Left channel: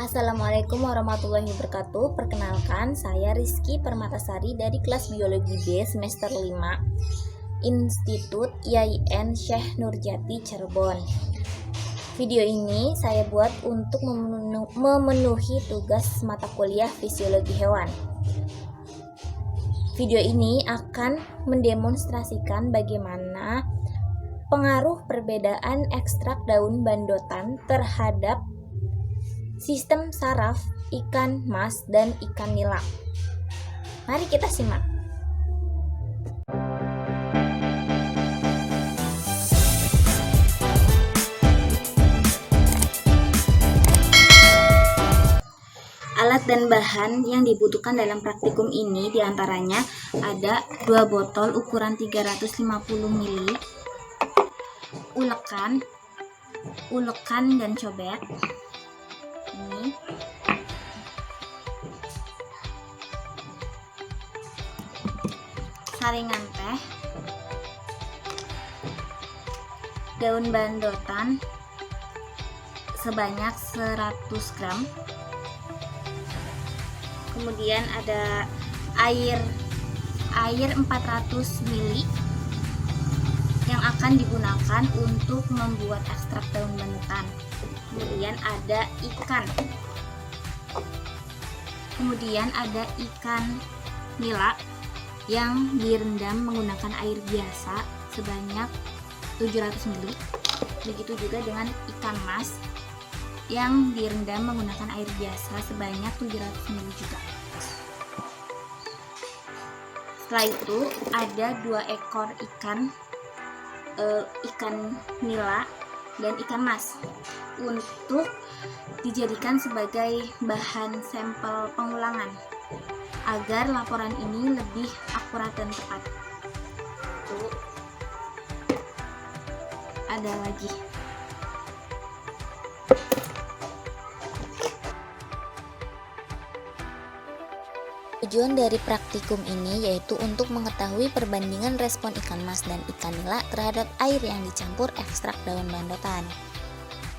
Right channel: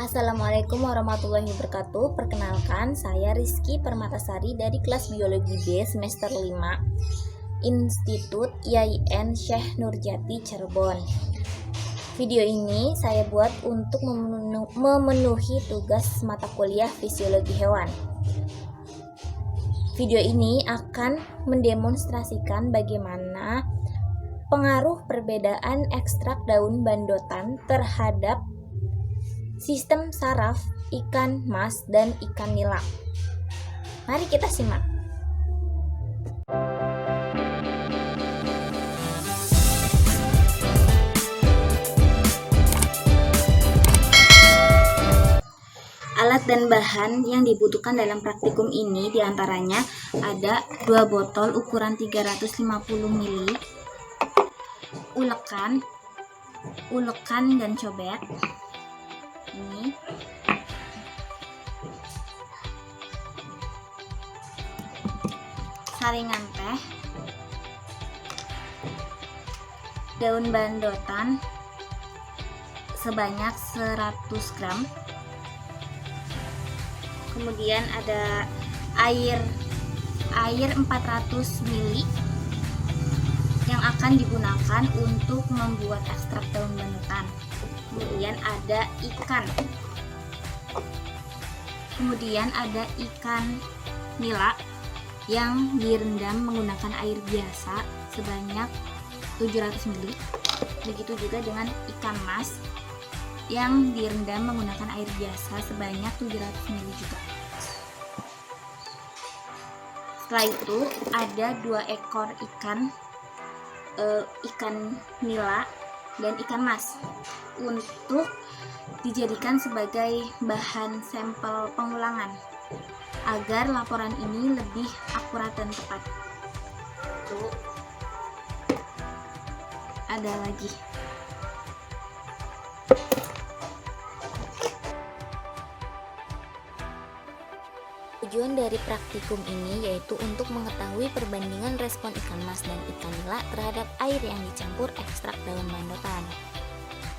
Assalamualaikum warahmatullahi wabarakatuh. Perkenalkan, saya Rizky Permatasari dari kelas Biologi B semester 5 Institut IAIN Syekh Nurjati Cirebon. Video ini saya buat untuk memenuhi tugas mata kuliah Fisiologi Hewan. Video ini akan mendemonstrasikan bagaimana pengaruh perbedaan ekstrak daun bandotan terhadap sistem saraf ikan mas dan ikan nila. Mari kita simak. Alat dan bahan yang dibutuhkan dalam praktikum ini diantaranya ada 2 botol ukuran 350 ml, ulekan dan cobek. Ini saringan teh, daun bandotan sebanyak 100 gram, kemudian ada air 400 ml yang akan digunakan untuk membuat ekstrak daun bandotan. Kemudian ada ikan nila yang direndam menggunakan air biasa sebanyak 700 ml. Begitu juga dengan ikan mas yang direndam menggunakan air biasa sebanyak 700 ml juga. Setelah itu ada 2 ekor ikan nila dan ikan mas untuk dijadikan sebagai bahan sampel pengulangan agar laporan ini lebih akurat dan tepat. Tuh, ada lagi. Tujuan dari praktikum ini yaitu untuk mengetahui perbandingan respon ikan mas dan ikan nila terhadap air yang dicampur ekstrak daun bandotan.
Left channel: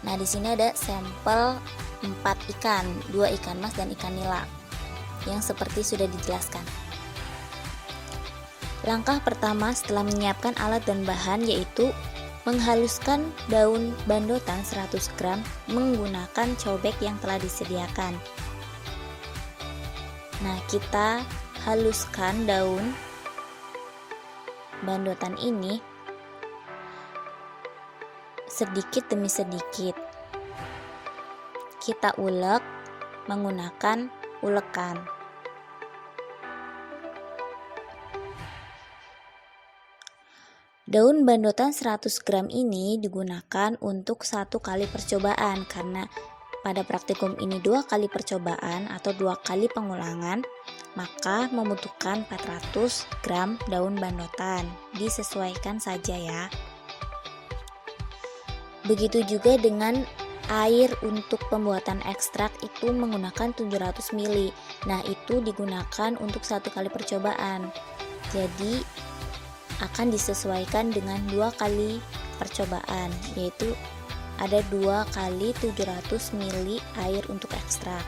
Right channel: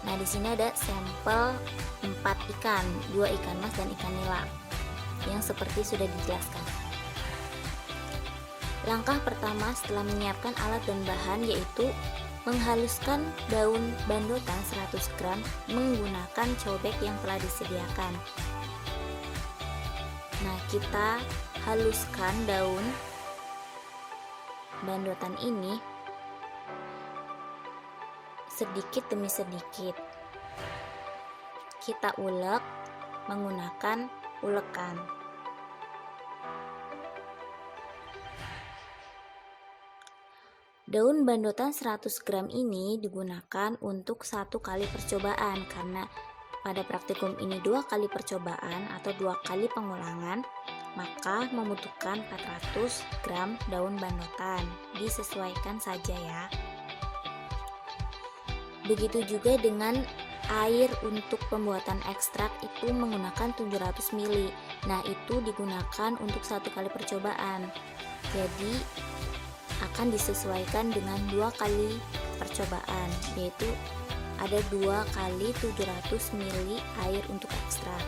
Nah, di sini ada sampel 4 ikan, 2 ikan mas dan ikan nila yang seperti sudah dijelaskan. Langkah pertama setelah menyiapkan alat dan bahan yaitu menghaluskan daun bandotan 100 gram menggunakan cobek yang telah disediakan. Nah, kita haluskan daun bandotan ini sedikit demi sedikit. Kita ulek menggunakan ulekan. Daun bandotan 100 gram ini digunakan untuk 1 kali percobaan karena pada praktikum ini 2 kali percobaan atau 2 kali pengulangan, maka membutuhkan 400 gram daun bandotan. Disesuaikan saja ya. Begitu juga dengan air untuk pembuatan ekstrak itu menggunakan 700 ml. Nah, itu digunakan untuk 1 kali percobaan. Jadi akan disesuaikan dengan 2 kali percobaan, yaitu ada 2 kali 700 ml air untuk ekstrak.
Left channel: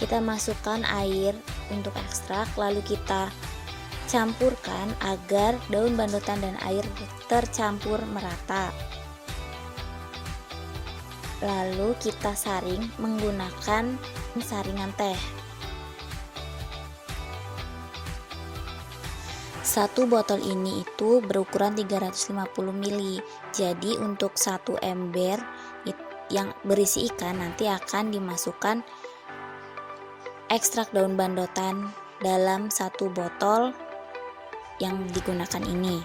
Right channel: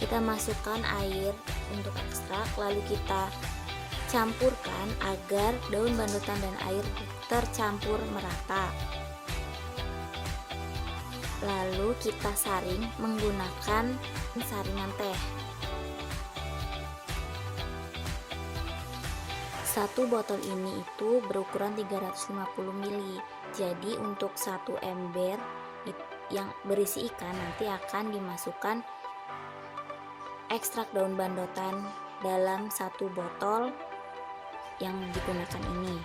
Kita masukkan air untuk ekstrak, lalu kita campurkan agar daun bandotan dan air tercampur merata. Lalu kita saring menggunakan saringan teh. 1 botol ini itu berukuran 350 ml. Jadi untuk 1 ember yang berisi ikan nanti akan dimasukkan ekstrak daun bandotan dalam 1 botol yang digunakan ini.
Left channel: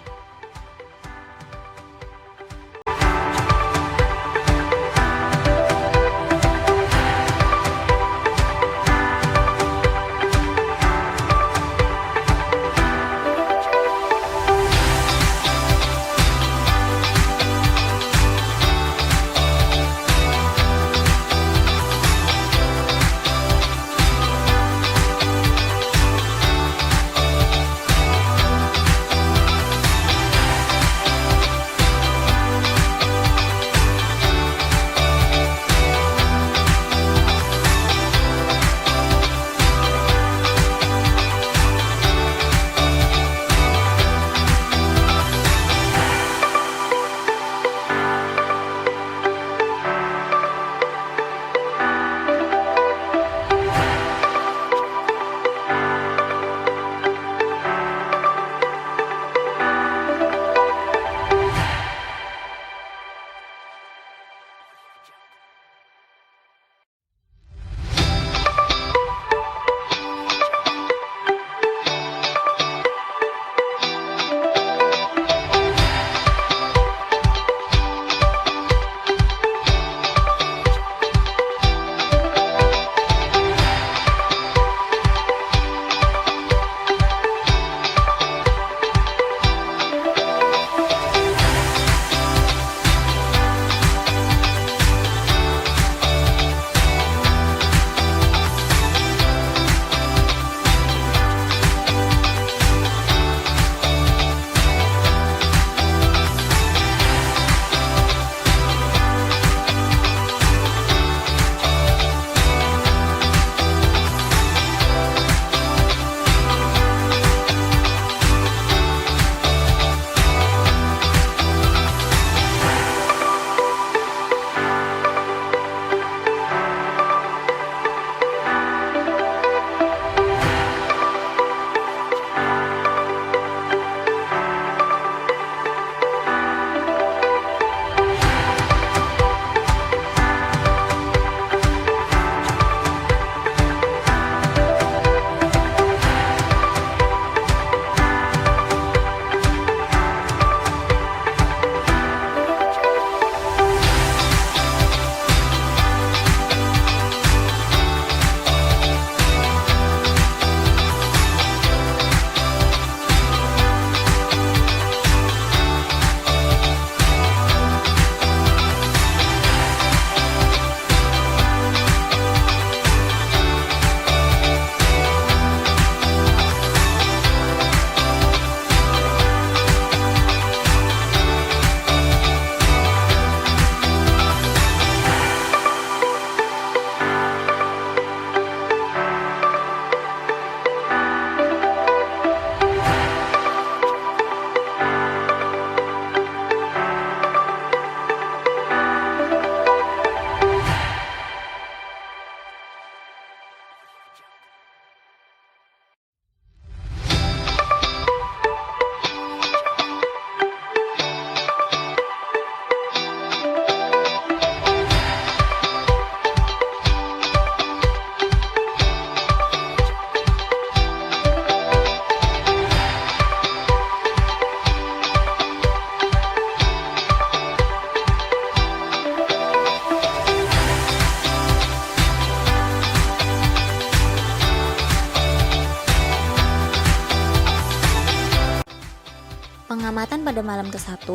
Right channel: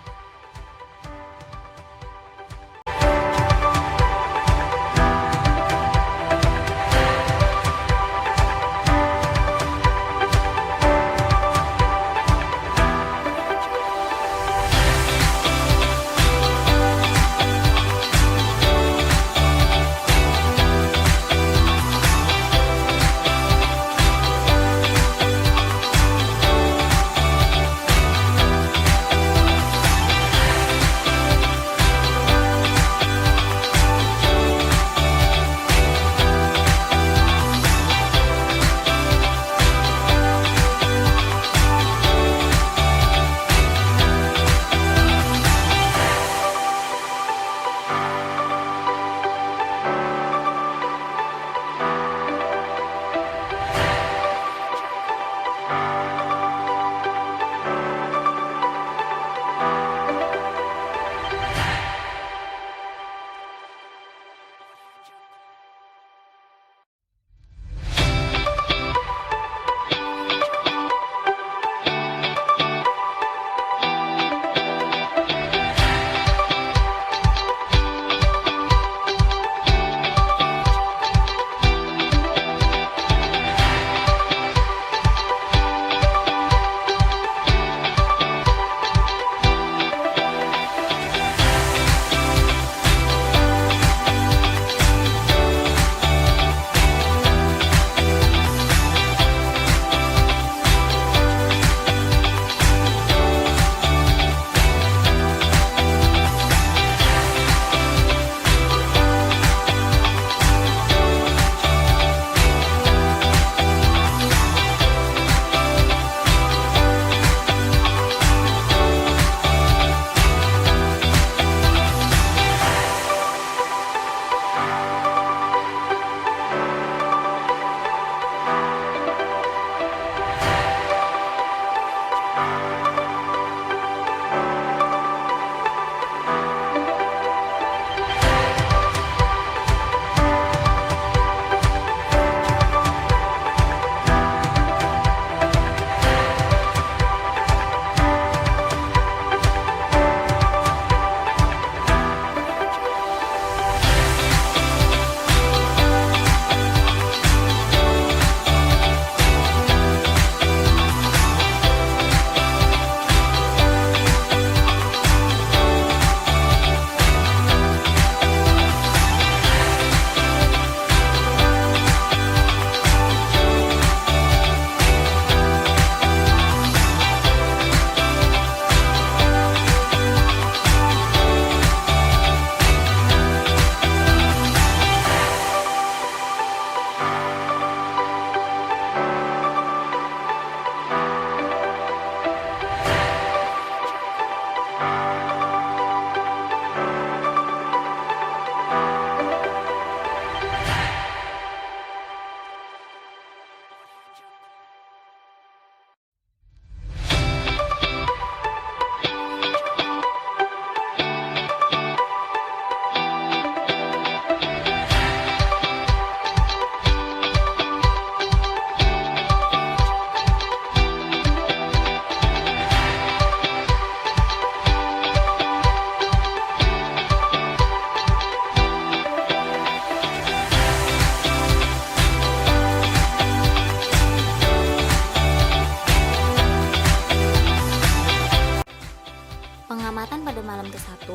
malam ke-1,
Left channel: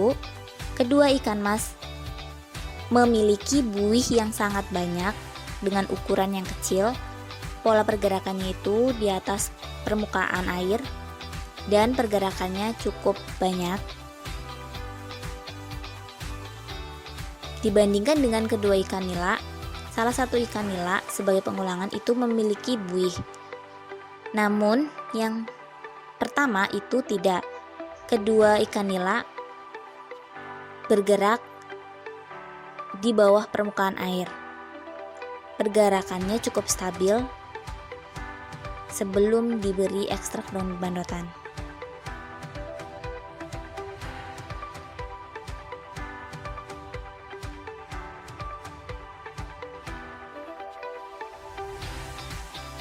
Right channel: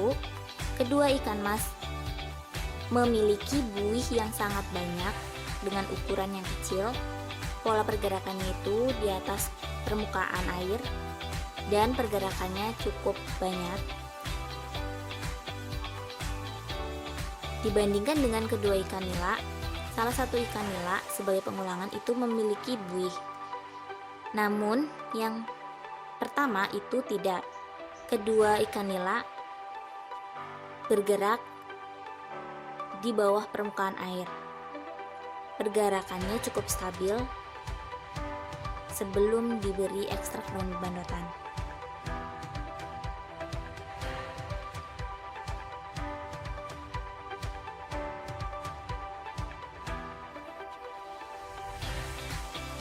kedua ikan mas memiliki buih yang sangat banyak dengan ukuran yang kecil. Pola pergerakannya itu di atas permukaan air dan pergerakannya cukup banyak. Dibandingkan dengan kedua ikan nila, salah satu ikan nila sebagai pengulangan itu memiliki buih. Namun yang pertama itu tidak. Kedua ikan nila bergerak di bawah permukaan air. Pergerakannya cukup stabil sebelum diberi ekstrak daun bandotan.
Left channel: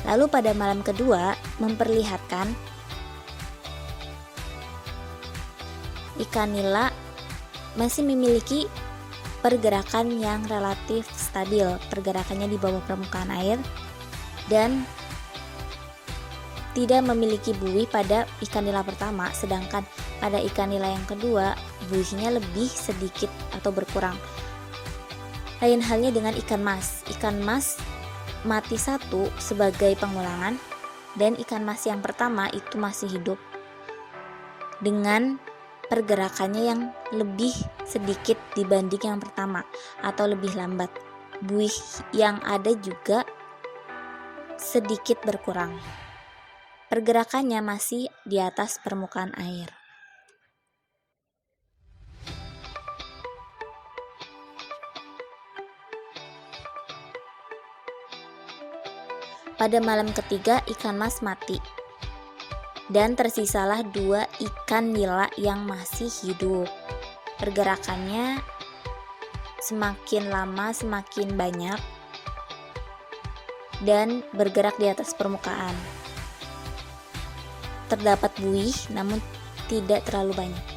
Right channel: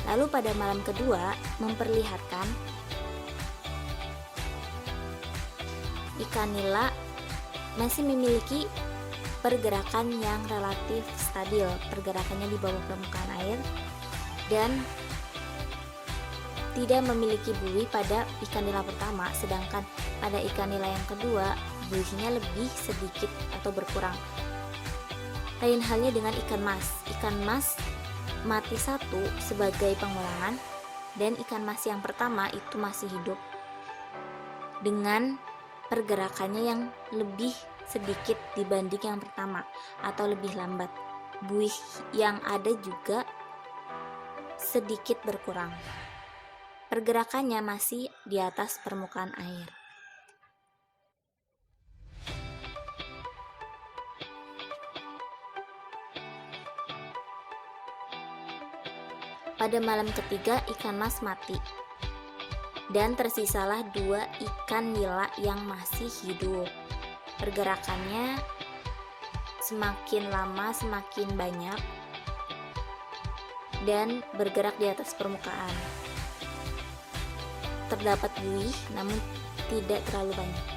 Lalu pada malam kedua memperlihatkan ikan nila masih memiliki pergerakan yang relatif stabil, pergerakannya di bawah permukaan air dan tidak memiliki buih pada ikan nila pertama, sedangkan pada ikan nila yang kedua buihnya lebih sedikit atau berkurang. Lain halnya dengan ikan mas. Ikan mas mati satu sebagai pengulangan dan ikan mas yang pertama itu masih hidup dengan pergerakannya yang lebih sedikit dibanding yang pertama atau lebih lambat. Buih yang ada juga sedikit berkurang. Pergerakannya masih di atas permukaan air. Pada malam ketiga ikan mas mati dan tersisalah dua ikan nila yang masih hidup. Pergerakannya semakin lama semakin banyak dan bergerak di atas permukaan. Terdapat buih namun tidak terlalu banyak.